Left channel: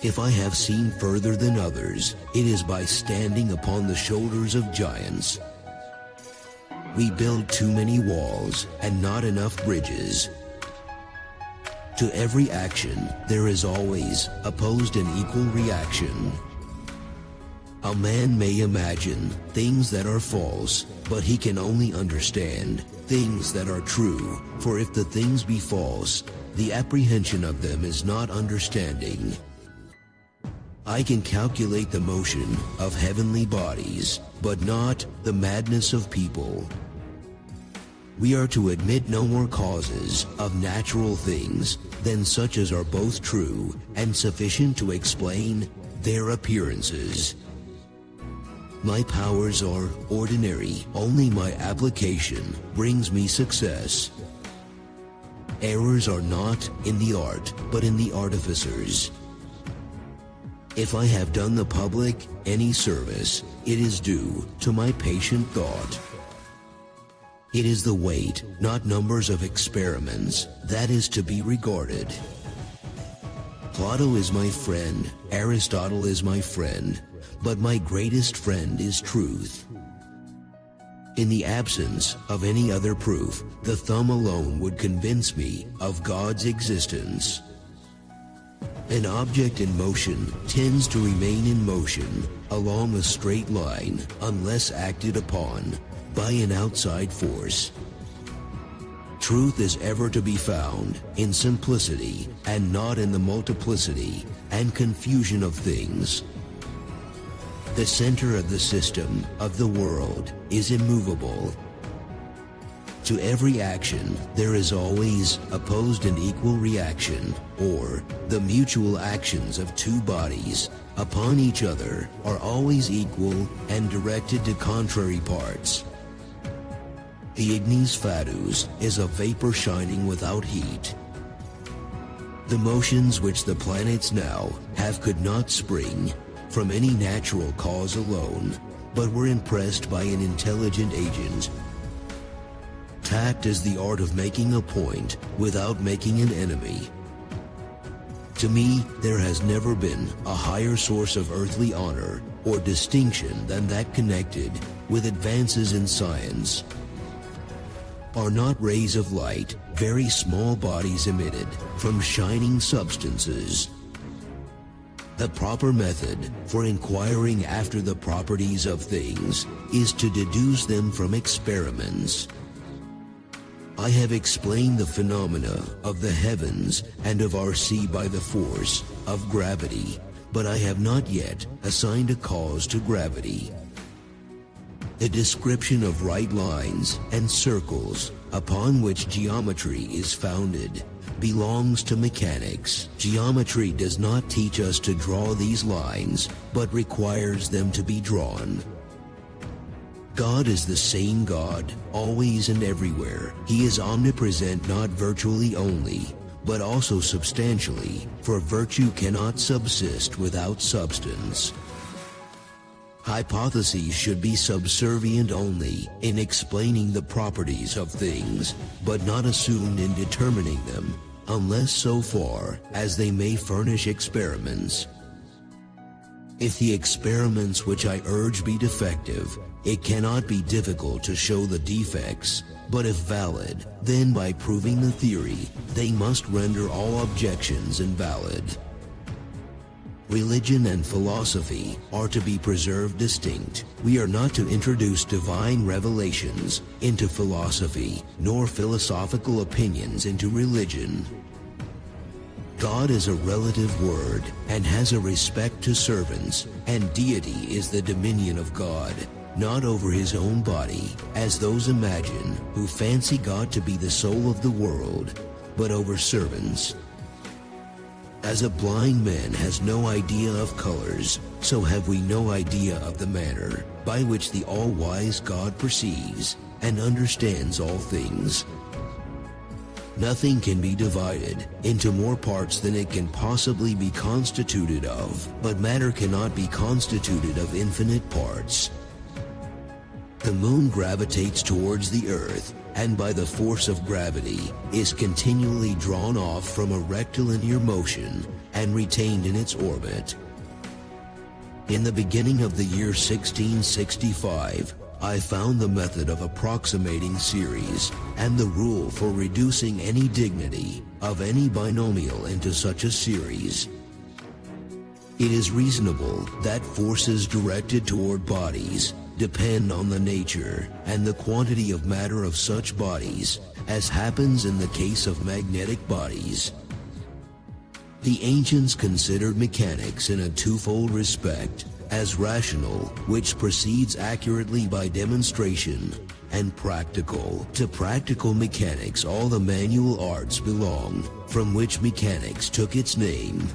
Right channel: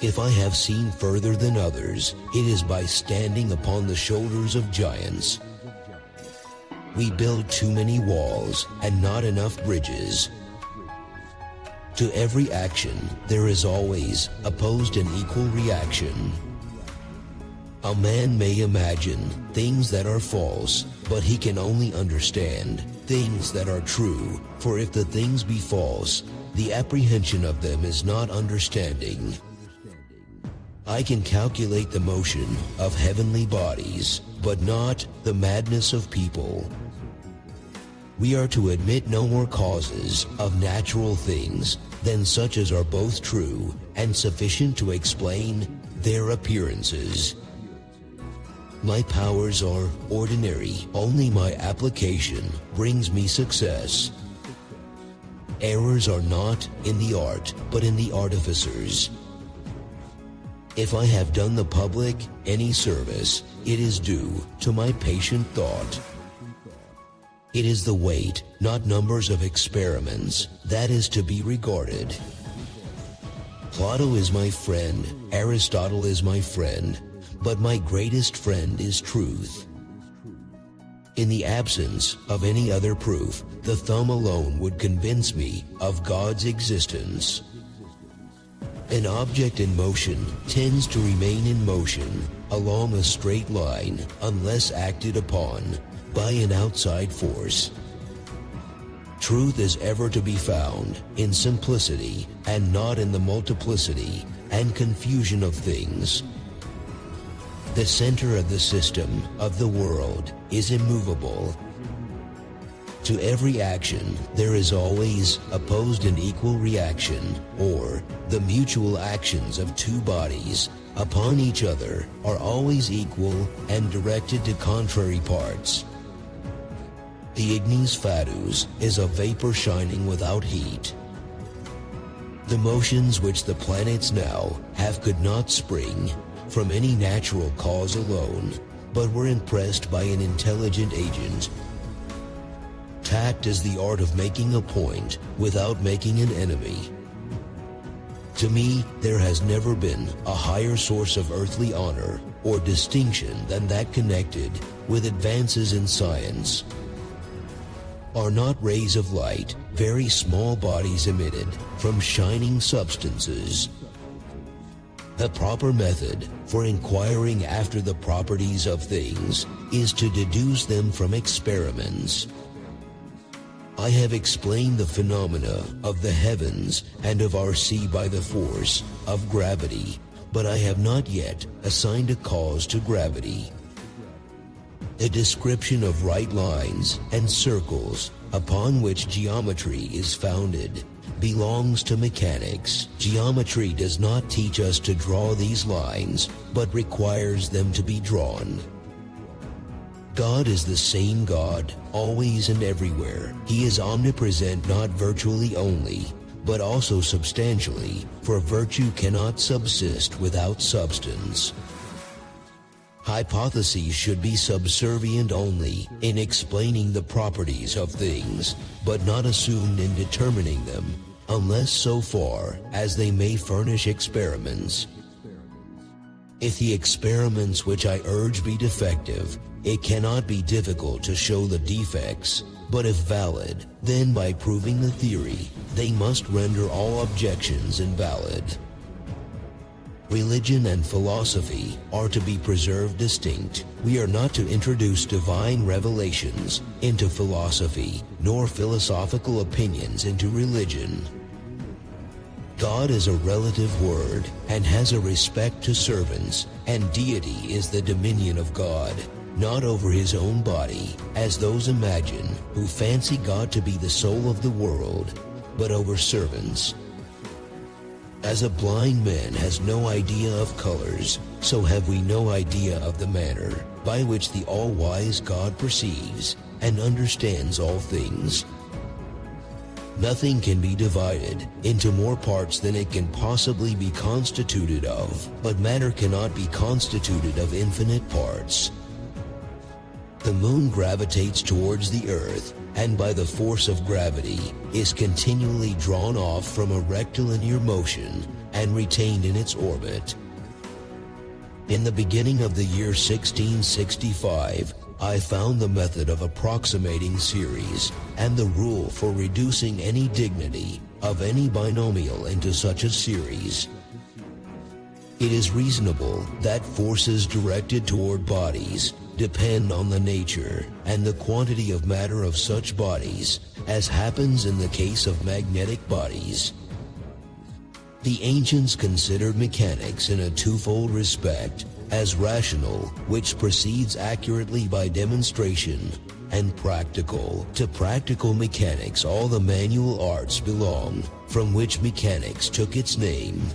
If I have seen further than others, it is by standing upon the shoulders of giants. We build too many walls and not enough bridges. To every action, there is always opposed and equal reaction. A man may imagine things that are false, but he can only understand things that are true. For if the things be false, the apprehension of them is not understanding. I can calculate the motion of heavenly bodies, but not the madness of people. We are to admit no more causes of natural things than such as are both true and sufficient to explain their appearances. My powers are ordinary, only my application brings me success. Errors are not in the art, but in the artificers. If I have done the public any service, it is due to my patient thought. It is the weight, not numbers of experiments, that is to be regarded. Plato is my friend, Aristotle is my friend, but my greatest friend is truth. In the absence of any other proof, the thumb alone would convince me of God's existence. An object in motion tends to remain in motion along a straight line unless acted upon by an outside force. Truth is ever to be found in simplicity and not in the multiplicity and confusion of things. The center of the system of the world is immovable. To every action, there is always opposed and equal reaction, or the mutual actions of two bodies upon each other are always equal and directed to contrary parts. The ignis fatuus is a vapor shining without heat. The motions which the planets now have could not spring from any natural cause alone, but were impressed by an intelligent agent. Tact is the art of making a point without making an enemy. To me, there has never been a higher source of earthly honor or distinction than that connected with advances in science. Are not rays of light very small bodies emitted from shining substances? The proper method for inquiring after the properties of things is to deduce them from experiments. I have explained the phenomena of the heavens and of our sea by the force of gravity, but I have not yet assigned a cause to gravity. The description of right lines and circles upon which geometry is founded belongs to mechanics. Geometry does not teach us to draw these lines, but requires them to be drawn. God is the same God, always and everywhere. He is omnipresent not virtually only, but also substantially, for virtue cannot subsist without substance. Hypotheses should be subservient only in explaining the properties of things, but not assumed in determining them, unless so far as they may furnish experiments. If the experiments which I urge be defective, it cannot be difficult to show the defects, but if valid, then by proving the theory, they must render all objections invalid. Religion and philosophy are to be preserved distinct. We are not to introduce divine revelations into philosophy, nor philosophical opinions into religion. God is a relative word and has a respect to servants, and deity is the dominion of God, not over his own body, as those imagine who fancy God to be the soul of the world, but over servants. As a blind man has no idea of colors, so have we no idea of the manner by which the all-wise God perceives and understands all things. Nothing can be divided into more parts than it can possibly be constituted of, but matter cannot be constituted of infinite parts. The moon gravitates towards the earth, and by the force of gravity is continually drawn off from a rectilinear motion and retained in its orbit. In the beginning of the year 1665, I found the method of approximating series and the rule for reducing any dignity of any binomial into such a series. It is reasonable that forces directed toward bodies depend on the nature and the quantity of matter of such bodies, as happens in the case of magnetic bodies. The ancients considered mechanics in a twofold respect: as rational, which proceeds accurately by demonstration, and practical. To practical mechanics all the manual arts belong, from which mechanics took its name.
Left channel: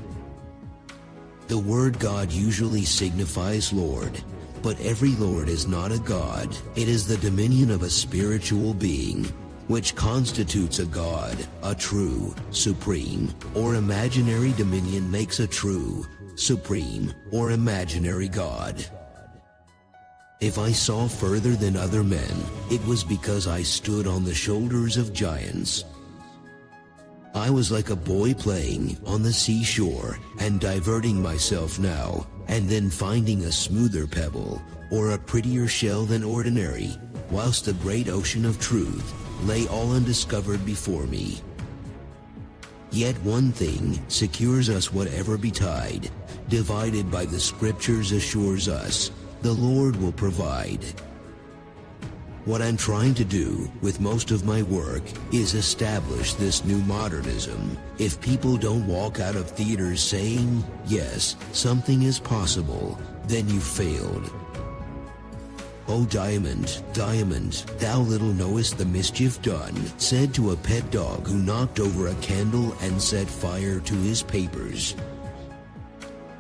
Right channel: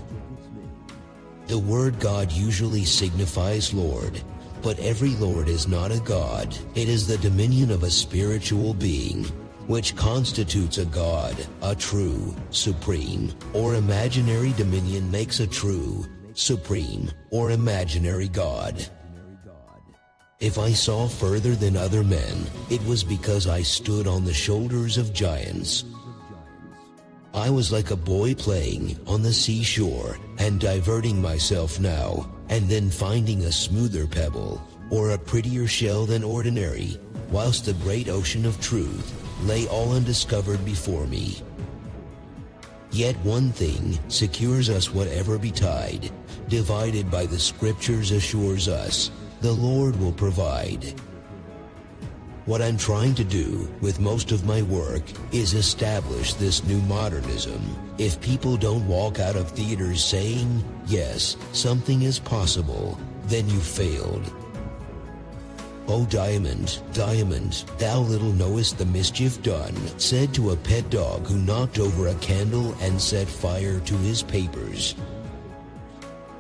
The word God usually signifies Lord, but every Lord is not a God. It is the dominion of a spiritual being, which constitutes a God. A true, supreme, or imaginary dominion makes a true, supreme, or imaginary God. If I saw further than other men, it was because I stood on the shoulders of giants. I was like a boy playing on the seashore and diverting myself now and then finding a smoother pebble or a prettier shell than ordinary, whilst the great ocean of truth lay all undiscovered before me. Yet one thing secures us whatever betide, divided by the scriptures assures us, the Lord will provide. What I'm trying to do with most of my work is establish this new modernism. If people don't walk out of theaters saying, yes, something is possible, then you failed. "O Diamond, Diamond, thou little knowest the mischief done," said to a pet dog who knocked over a candle and set fire to his papers.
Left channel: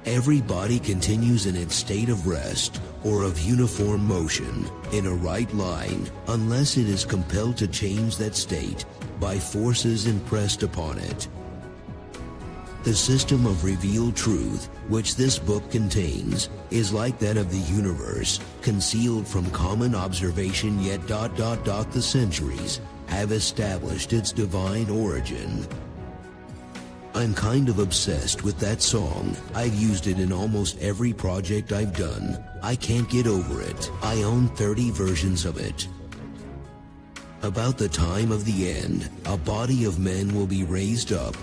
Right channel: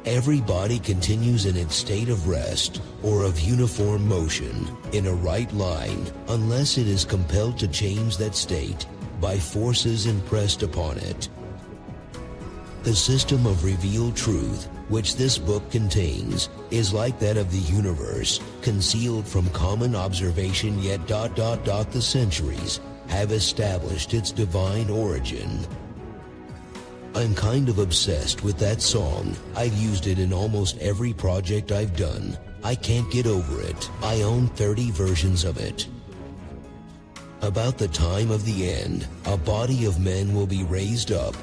Every body continues in its state of rest or of uniform motion in a right line unless it is compelled to change that state by forces impressed upon it. The system of revealed truth which this book contains is like that of the universe, concealed from common observation, yet ... the centuries have established its divine origin. I'm kind of obsessed with that song. I've used it in almost every project I've done. I can't get over it. I own 30 versions of it. About the time of the end, a body of men will be raised up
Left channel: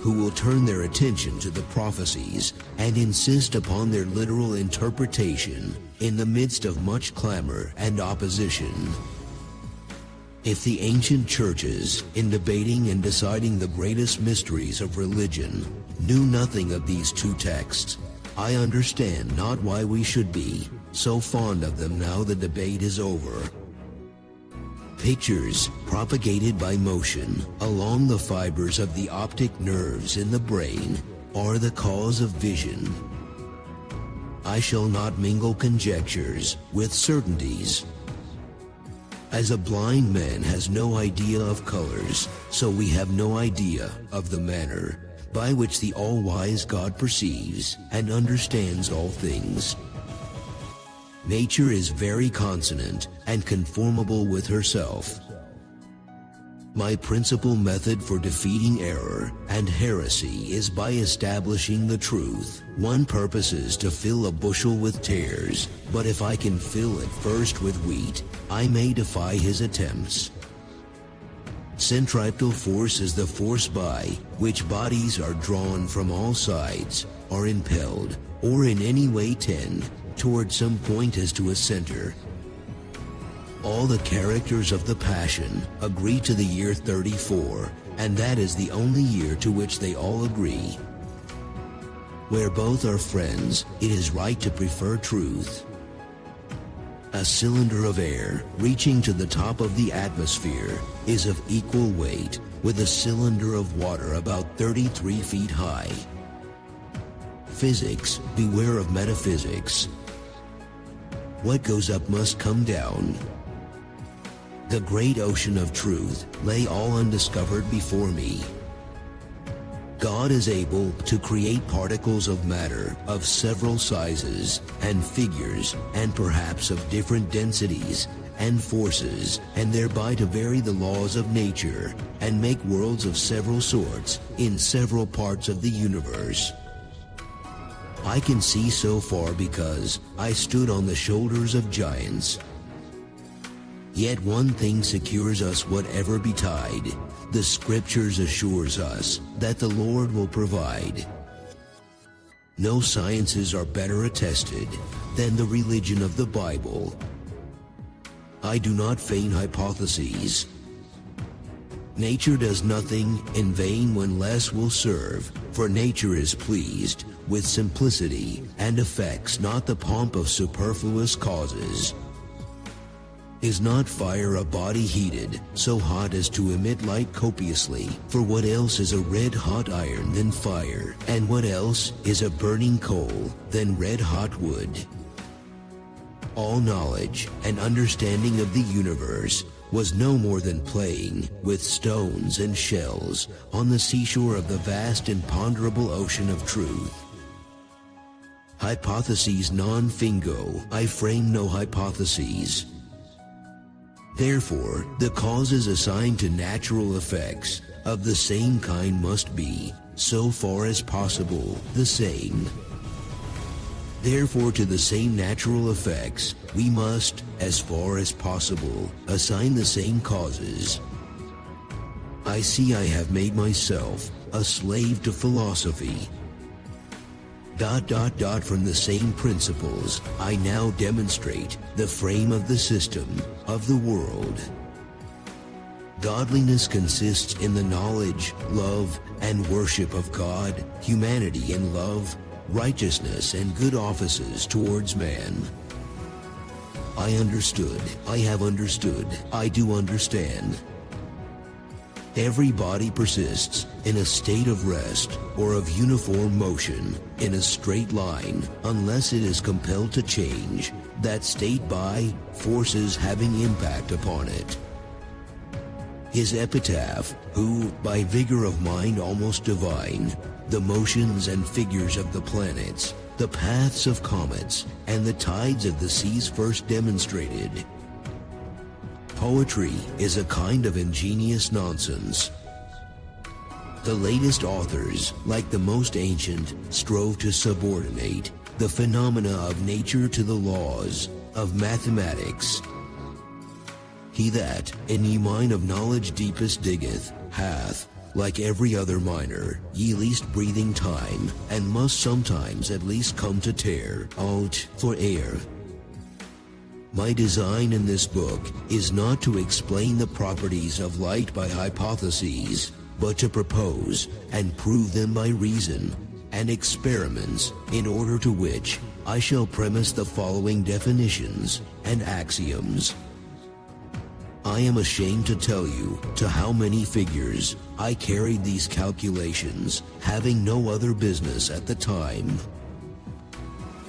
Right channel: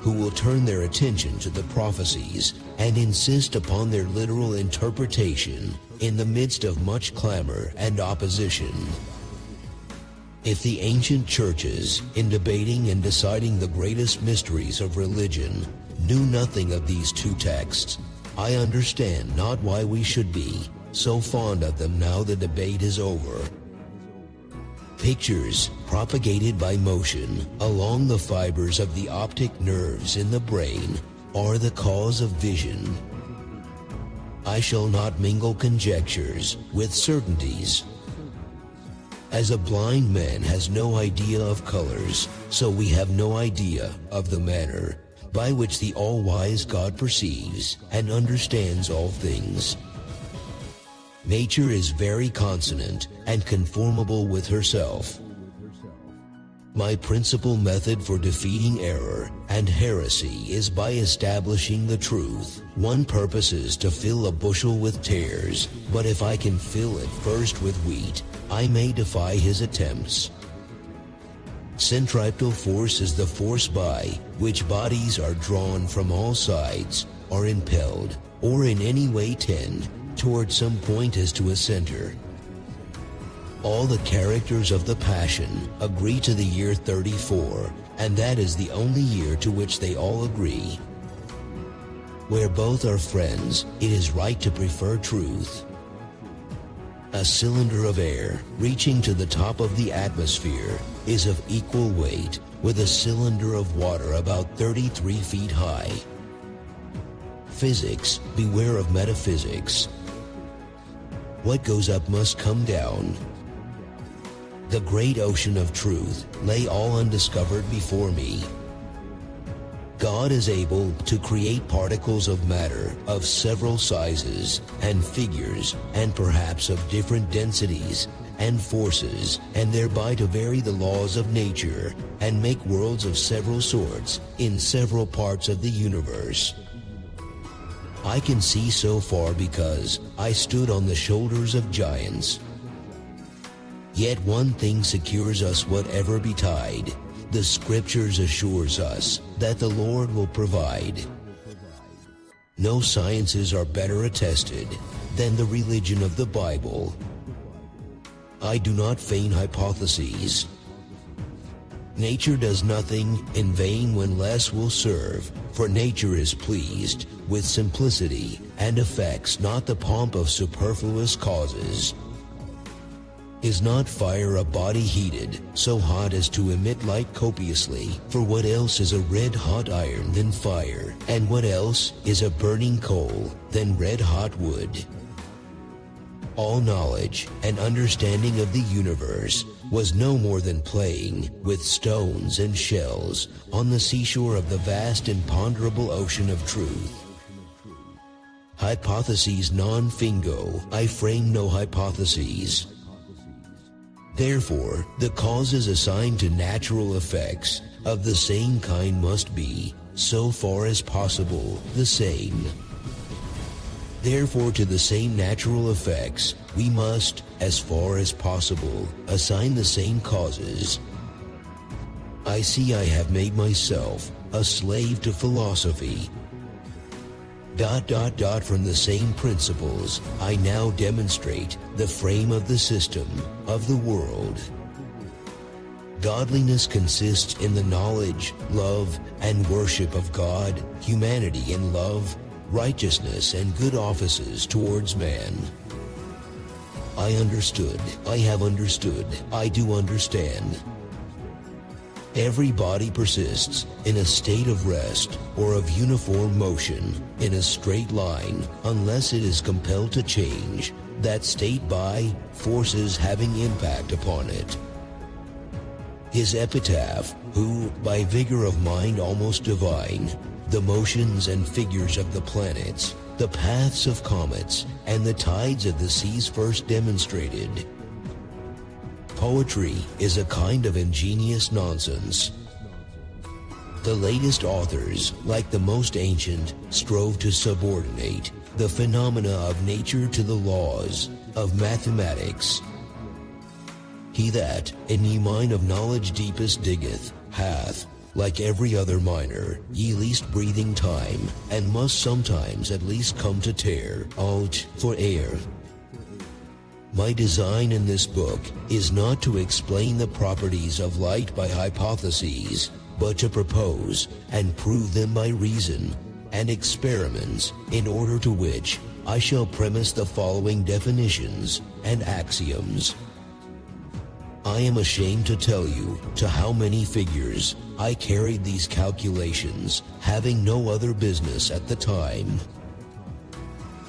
who will turn their attention to the prophecies and insist upon their literal interpretation in the midst of much clamor and opposition. If the ancient churches, in debating and deciding the greatest mysteries of religion, knew nothing of these two texts, I understand not why we should be so fond of them now the debate is over. Pictures propagated by motion along the fibers of the optic nerves in the brain are the cause of vision. I shall not mingle conjectures with certainties. As a blind man has no idea of colors, so we have no idea of the manner by which the all-wise God perceives and understands all things. Nature is very consonant and conformable with herself. My principal method for defeating error and heresy is by establishing the truth. One purpose is to fill a bushel with tares, but if I can fill it first with wheat, I may defy his attempts. Centripetal force is the force by which bodies are drawn from all sides, are impelled, or in any way tend toward some point as to a center. All the characters of the Passion agree to the year 34, and that is the only year to which they all agree. Where both are friends, it is right to prefer truth. A cylinder of air reaching to the top of the atmosphere is of equal weight with a cylinder of water about 33 feet high. Physics, beware of metaphysics. What goes up must come down. The great ocean of truth lay all undiscovered before me. God is able to create particles of matter of several sizes and figures and perhaps of different densities and forces, and thereby to vary the laws of nature and make worlds of several sorts in several parts of the universe. I can see so far because I stood on the shoulders of giants. Yet one thing secures us whatever betide. The scriptures assures us that the Lord will provide. No sciences are better attested than the religion of the Bible. I do not feign hypotheses. Nature does nothing in vain when less will serve, for nature is pleased with simplicity and affects not the pomp of superfluous causes. Is not fire a body heated so hot as to emit light copiously? For what else is a red-hot iron than fire? And what else is a burning coal than red-hot wood? All knowledge and understanding of the universe was no more than playing with stones and shells on the seashore of the vast imponderable ocean of truth. Hypotheses non fingo, I frame no hypotheses. Therefore, the causes assigned to natural effects of the same kind must be, so far as possible, the same. Therefore, to the same natural effects, we must, as far as possible, assign the same causes. I see I have made myself a slave to philosophy. From the same principles, I now demonstrate the frame of the system of the world. Godliness consists in the knowledge, love, and worship of God, humanity and love, righteousness and good offices towards man. I understood, I have understood, I do understand. Every body persists in a state of rest or of uniform motion in a straight line unless it is compelled to change that state by forces having impact upon it. His epitaph, who, by vigor of mind almost divine, the motions and figures of the planets, the paths of comets, and the tides of the seas first demonstrated. Poetry is a kind of ingenious nonsense. The latest authors, like the most ancient, strove to subordinate the phenomena of nature to the laws of mathematics. He that in ye mine of knowledge deepest diggeth hath, like every other miner, ye least breathing time, and must sometimes at least come to tear out for air. My design in this book is not to explain the properties of light by hypotheses, but to propose and prove them by reason and experiments, in order to which I shall premise the following definitions and axioms. I am ashamed to tell you to how many figures I carried these calculations, having no other business at the time.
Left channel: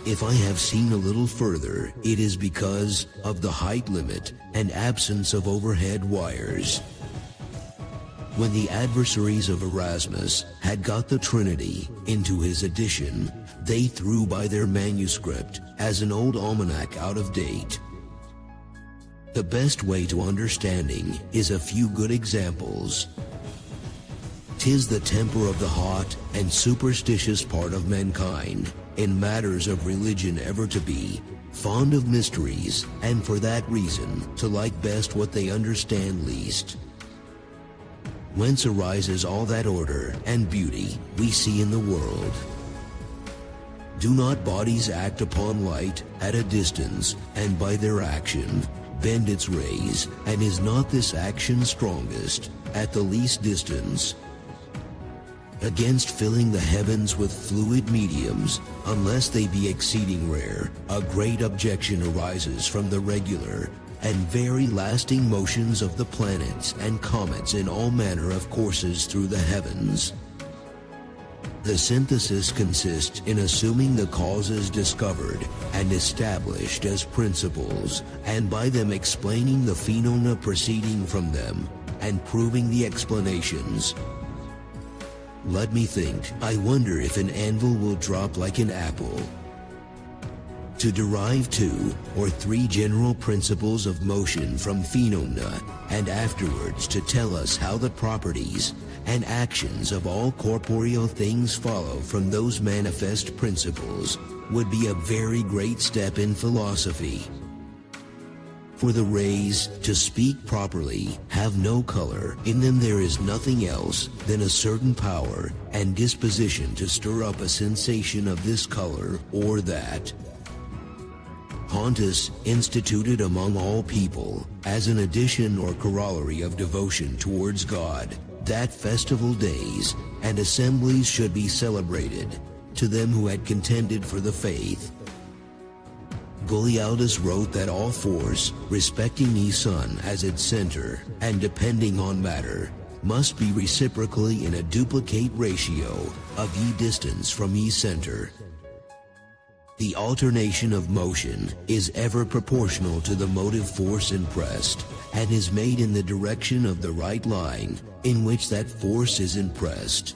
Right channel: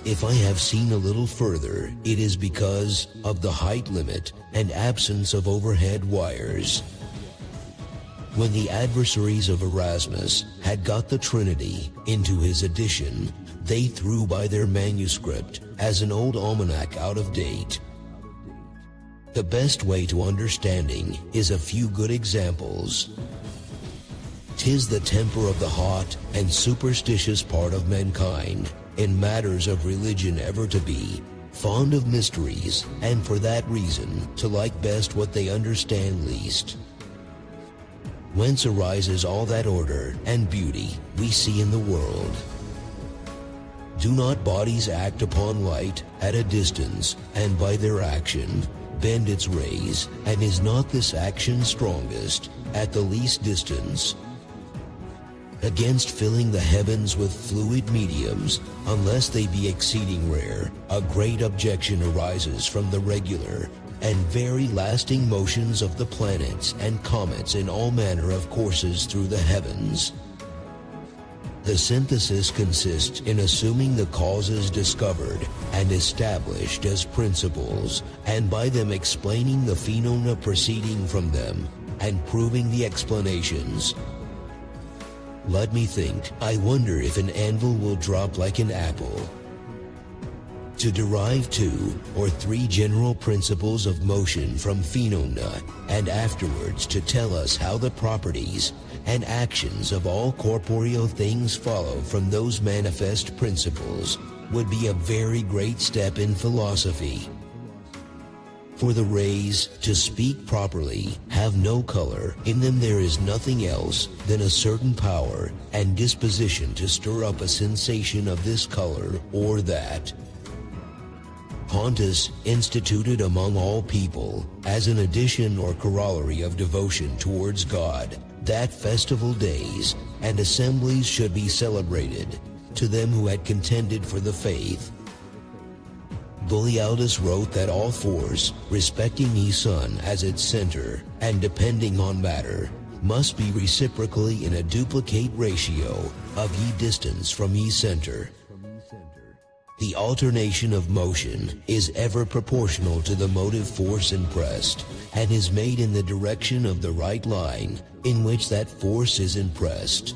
If I have seen a little further, it is because of the height limit and absence of overhead wires. When the adversaries of Erasmus had got the Trinity into his edition, they threw by their manuscript as an old almanac out of date. The best way to understanding is a few good examples. 'Tis the temper of the hot and superstitious part of mankind in matters of religion ever to be fond of mysteries, and for that reason to like best what they understand least. Whence arises all that order and beauty we see in the world. Do not bodies act upon light at a distance, and by their action bend its rays, and is not this action strongest at the least distance? Against filling the heavens with fluid mediums, unless they be exceeding rare, a great objection arises from the regular and very lasting motions of the planets and comets in all manner of courses through the heavens. The synthesis consists in assuming the causes discovered and established as principles, and by them explaining the phenomena proceeding from them, and proving the explanations. Let me think. I wonder if an anvil will drop like an apple. To derive 2 or 3 general principles of motion from phenomena, and afterwards to tell us how the properties and actions of all corporeal things follow from those manifest principles would be a very great step in philosophy. For the rays, to speak properly, have no color. In them there is nothing else than a certain power and disposition to stir up a sensation of this color or that. Pontus instituted among all people, as an addition or corollary of devotion towards God, that festival days and assemblies should be celebrated to them who had contended for the faith. Golialdus wrote that all force, respecting ye sun as its center and depending on matter, must be reciprocally in a duplicate ratio of ye distance from ye center. The alternation of motion is ever proportional to the motive force impressed, and is made in the direction of the right line in which that force is impressed.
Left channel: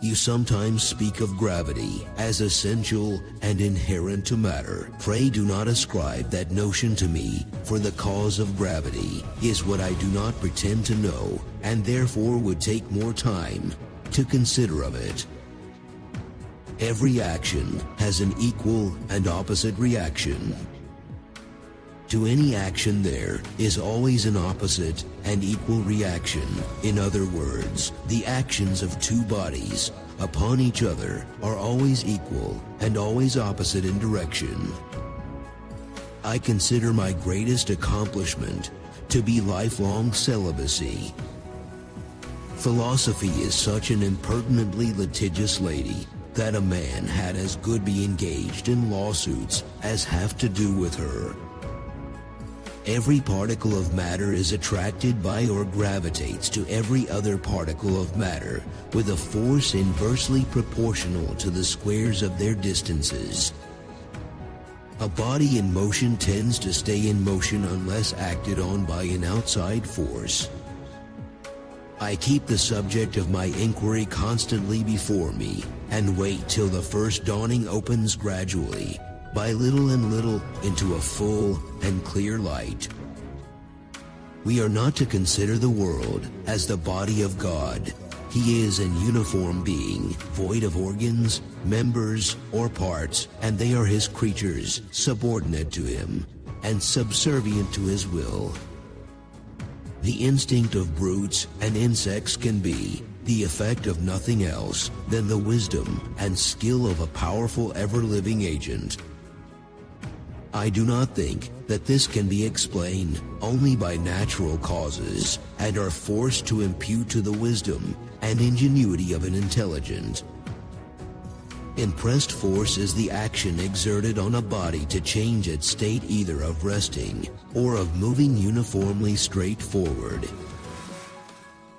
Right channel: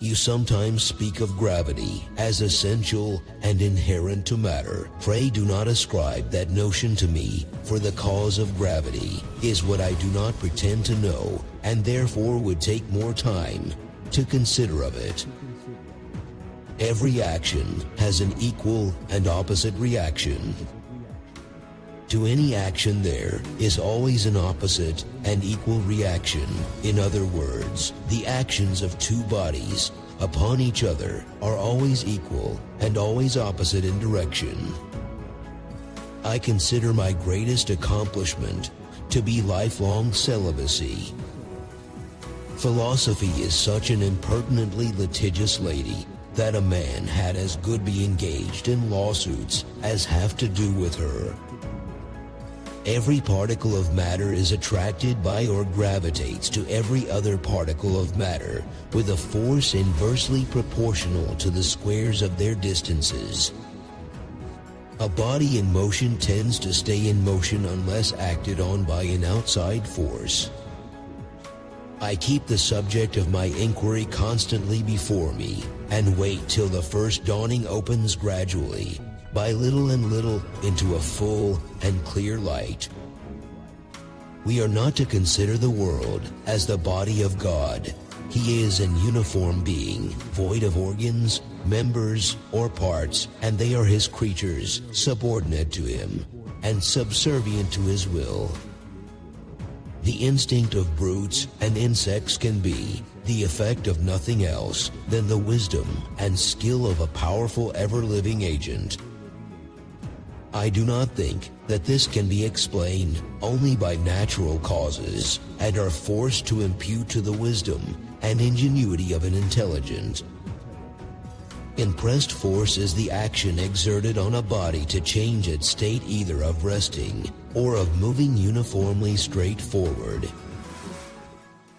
You sometimes speak of gravity as essential and inherent to matter. Pray do not ascribe that notion to me, for the cause of gravity is what I do not pretend to know, and therefore would take more time to consider of it. Every action has an equal and opposite reaction. To any action there is always an opposite and equal reaction. In other words, the actions of two bodies upon each other are always equal and always opposite in direction. I consider my greatest accomplishment to be lifelong celibacy. Philosophy is such an impertinently litigious lady that a man had as good be engaged in lawsuits as have to do with her. Every particle of matter is attracted by or gravitates to every other particle of matter with a force inversely proportional to the squares of their distances. A body in motion tends to stay in motion unless acted on by an outside force. I keep the subject of my inquiry constantly before me and wait till the first dawning opens gradually, by little and little, into a full and clear light. We are not to consider the world as the body of God. He is an uniform being, void of organs, members, or parts, and they are his creatures, subordinate to him, and subservient to his will. The instinct of brutes and insects can be the effect of nothing else than the wisdom and skill of a powerful ever-living agent. I do not think that this can be explained only by natural causes, and are forced to impute to the wisdom and ingenuity of an intelligent. Impressed force is the action exerted on a body to change its state either of resting or of moving uniformly straight forward.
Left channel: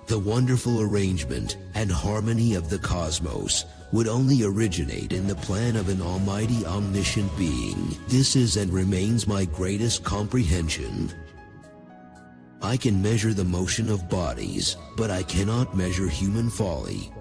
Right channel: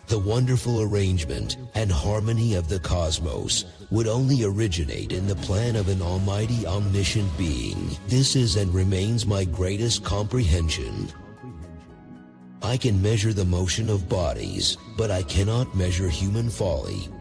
The wonderful arrangement and harmony of the cosmos would only originate in the plan of an almighty omniscient being. This is and remains my greatest comprehension. I can measure the motion of bodies, but I cannot measure human folly.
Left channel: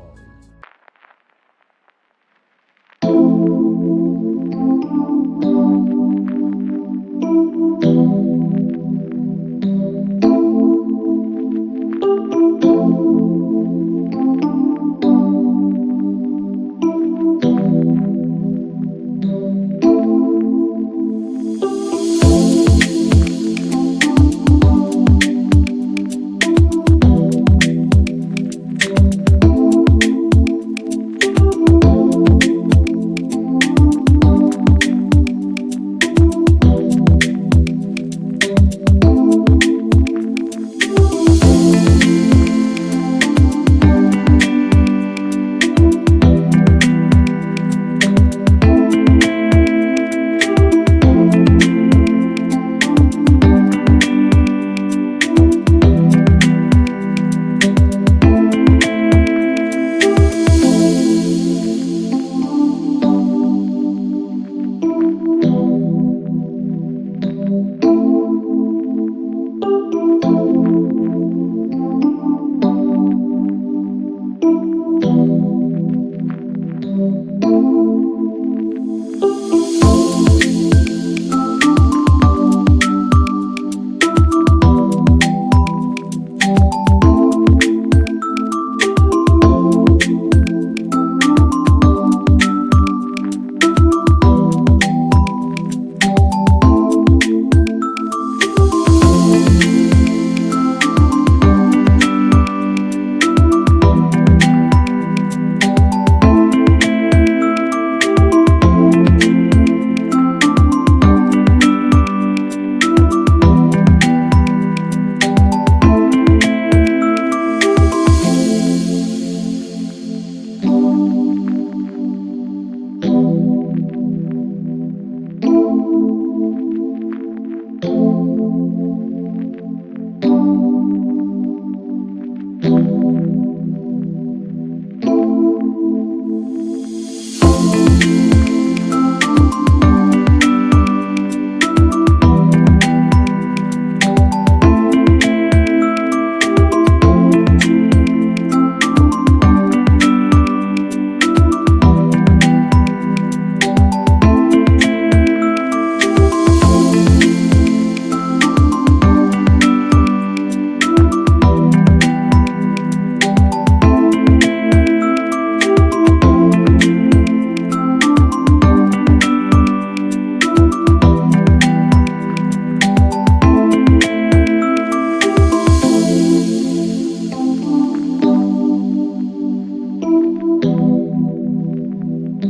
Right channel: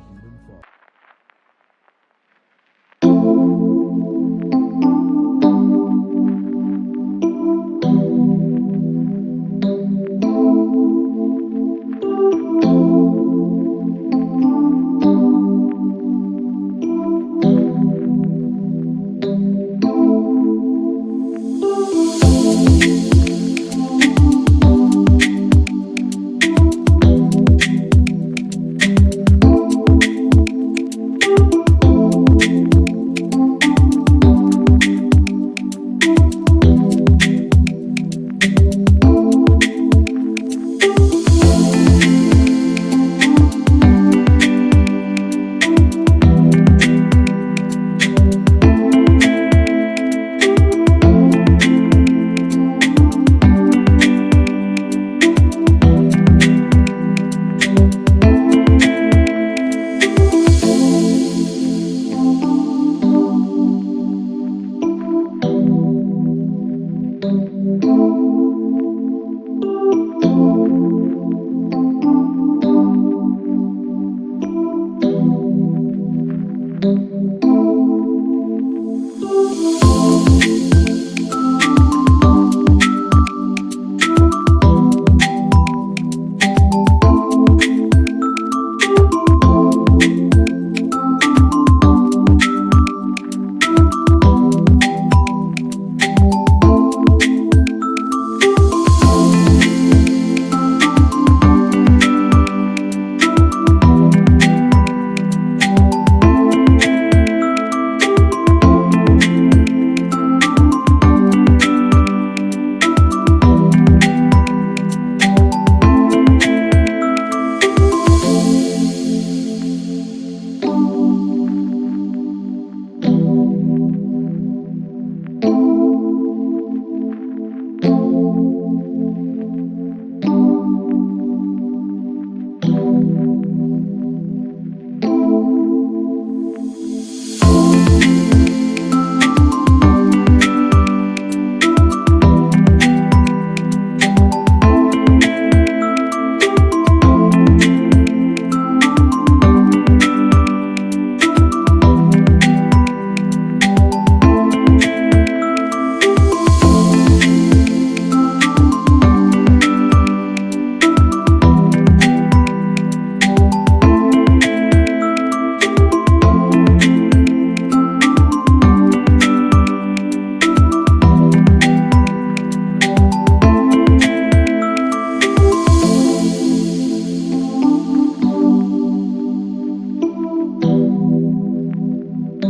If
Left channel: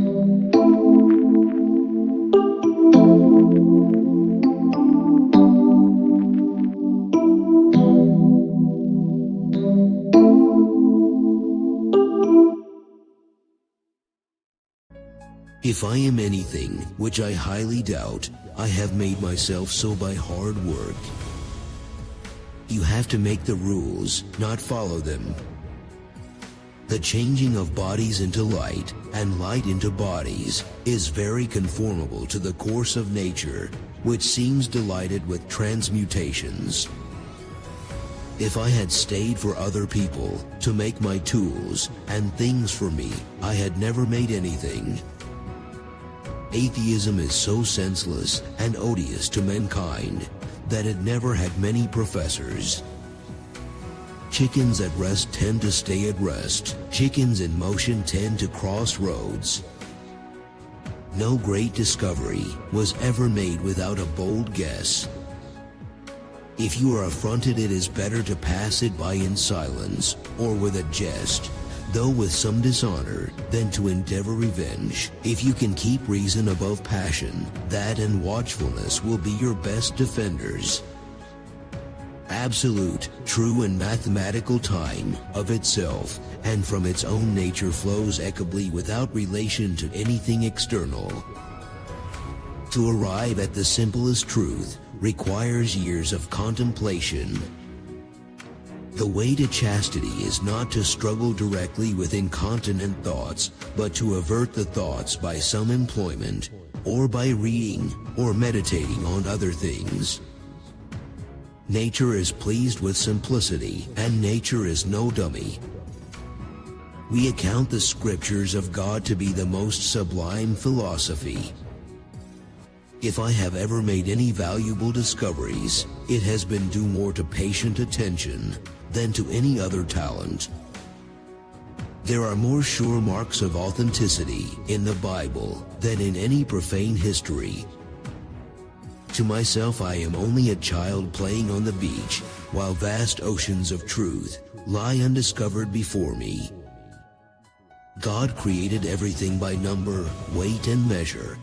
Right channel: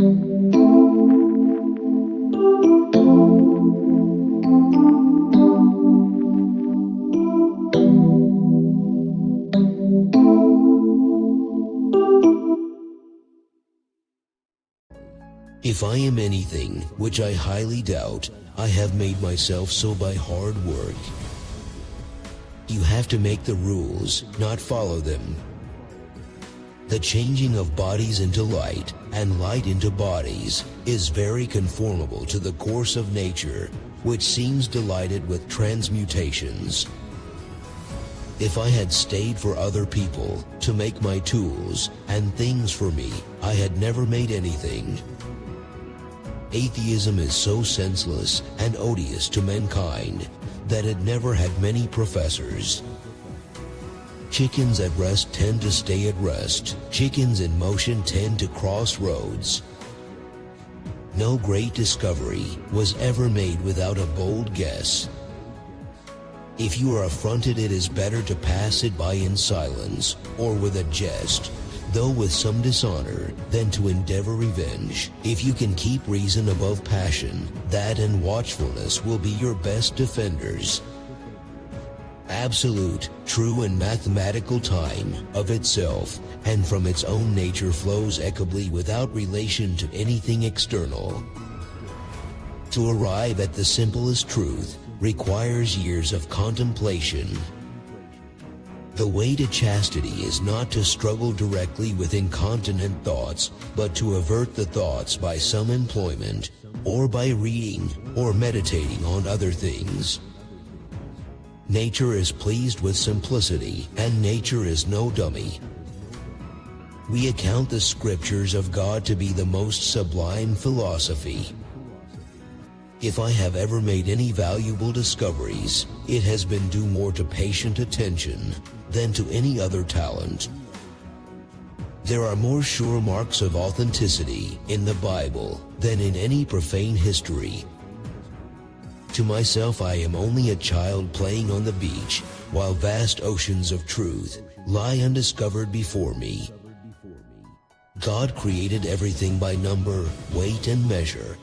I am anything, which I highly doubt, I have made myself so by hard work. You have to make the rules, not follow them. The changing of bodies into light and light into bodies is very conformable to the course of nature, which seems delighted with transmutations. If I had stayed for other people to make my tools and things for me, I had never made anything. Atheism is so senseless and odious to mankind that it never had many professors. Chickens at rest tend to stay at rest. Chickens in motion tend to cross roads. No great discovery was ever made without a bold guess. If you are affronted, it is better to pass it by in silence or with a jest, though with some dishonor, than to endeavor revenge. If you can keep reason above passion, that and watchfulness will be your best defenders. Absolute, true and mathematical time of itself and from its own nature flows equably without relation to anything external. To arrive at the simplest truth requires years of contemplation. The way to chastity is not to struggle directly with incontinent thoughts, but to avert the thoughts by some employment, or by reading or meditating on other things. Nature is pleased with simplicity, and nature is no dummy. We account the scriptures of God to be the most sublime philosophy. If I have ever made any valuable discoveries, it has been due more to patient attention than to any other talent. There are more sure marks of authenticity in the Bible than in any profane history. To myself, I am only a child playing on the beach, while vast oceans of truth lie undiscovered before me. God created everything by number, weight, and measure.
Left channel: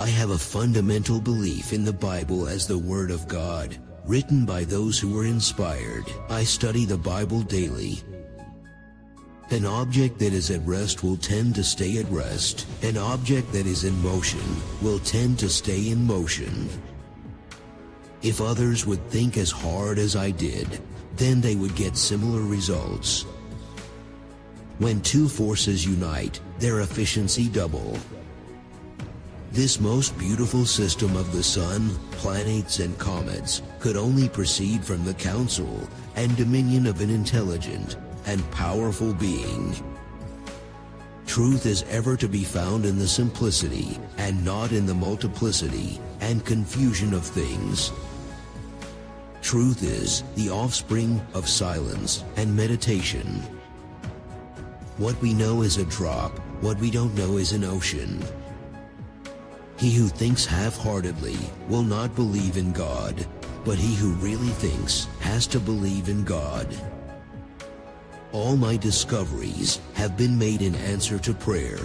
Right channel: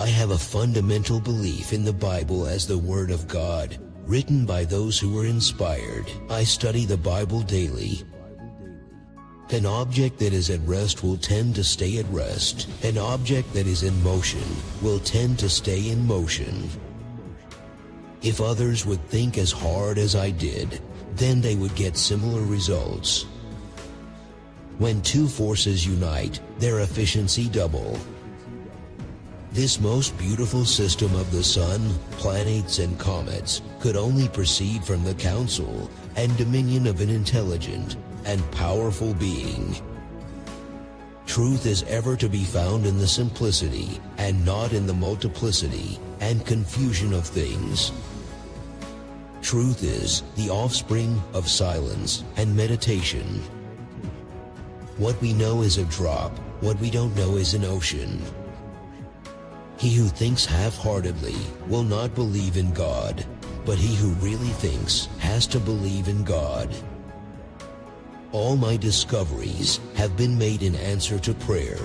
I have a fundamental belief in the Bible as the Word of God, written by those who were inspired. I study the Bible daily. An object that is at rest will tend to stay at rest. An object that is in motion will tend to stay in motion. If others would think as hard as I did, then they would get similar results. When two forces unite, their efficiency double. This most beautiful system of the sun, planets, and comets could only proceed from the counsel and dominion of an intelligent and powerful being. Truth is ever to be found in the simplicity and not in the multiplicity and confusion of things. Truth is the offspring of silence and meditation. What we know is a drop, what we don't know is an ocean. He who thinks half-heartedly will not believe in God, but he who really thinks has to believe in God. All my discoveries have been made in answer to prayer.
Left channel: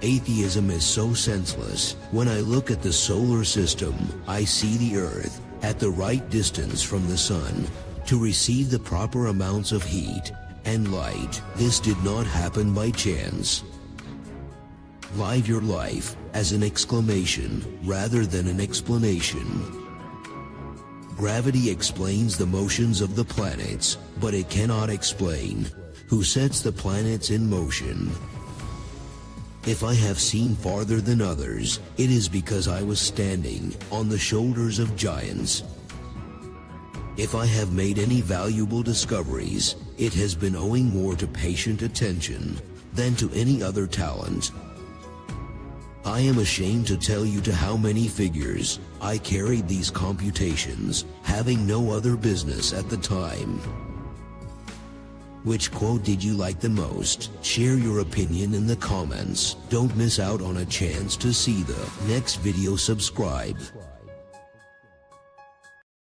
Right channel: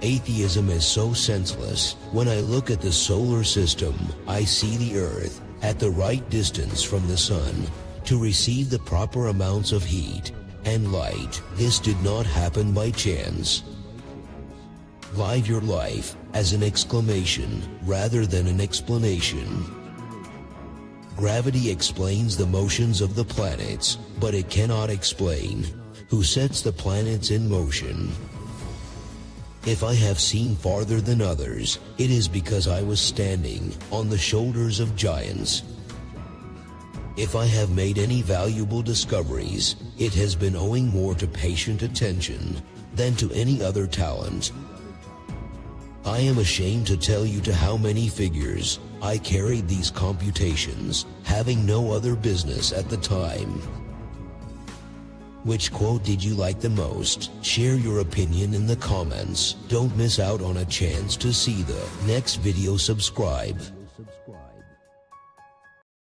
Atheism is so senseless. When I look at the solar system, I see the Earth at the right distance from the sun to receive the proper amounts of heat and light. This did not happen by chance. Live your life as an exclamation rather than an explanation. Gravity explains the motions of the planets, but it cannot explain who sets the planets in motion. If I have seen farther than others, it is because I was standing on the shoulders of giants. If I have made any valuable discoveries, it has been owing more to patient attention than to any other talent. I am ashamed to tell you to how many figures I carried these computations, having no other business at the time. Which quote did you like the most? Share your opinion in the comments. Don't miss out on a chance to see the next video. Subscribe.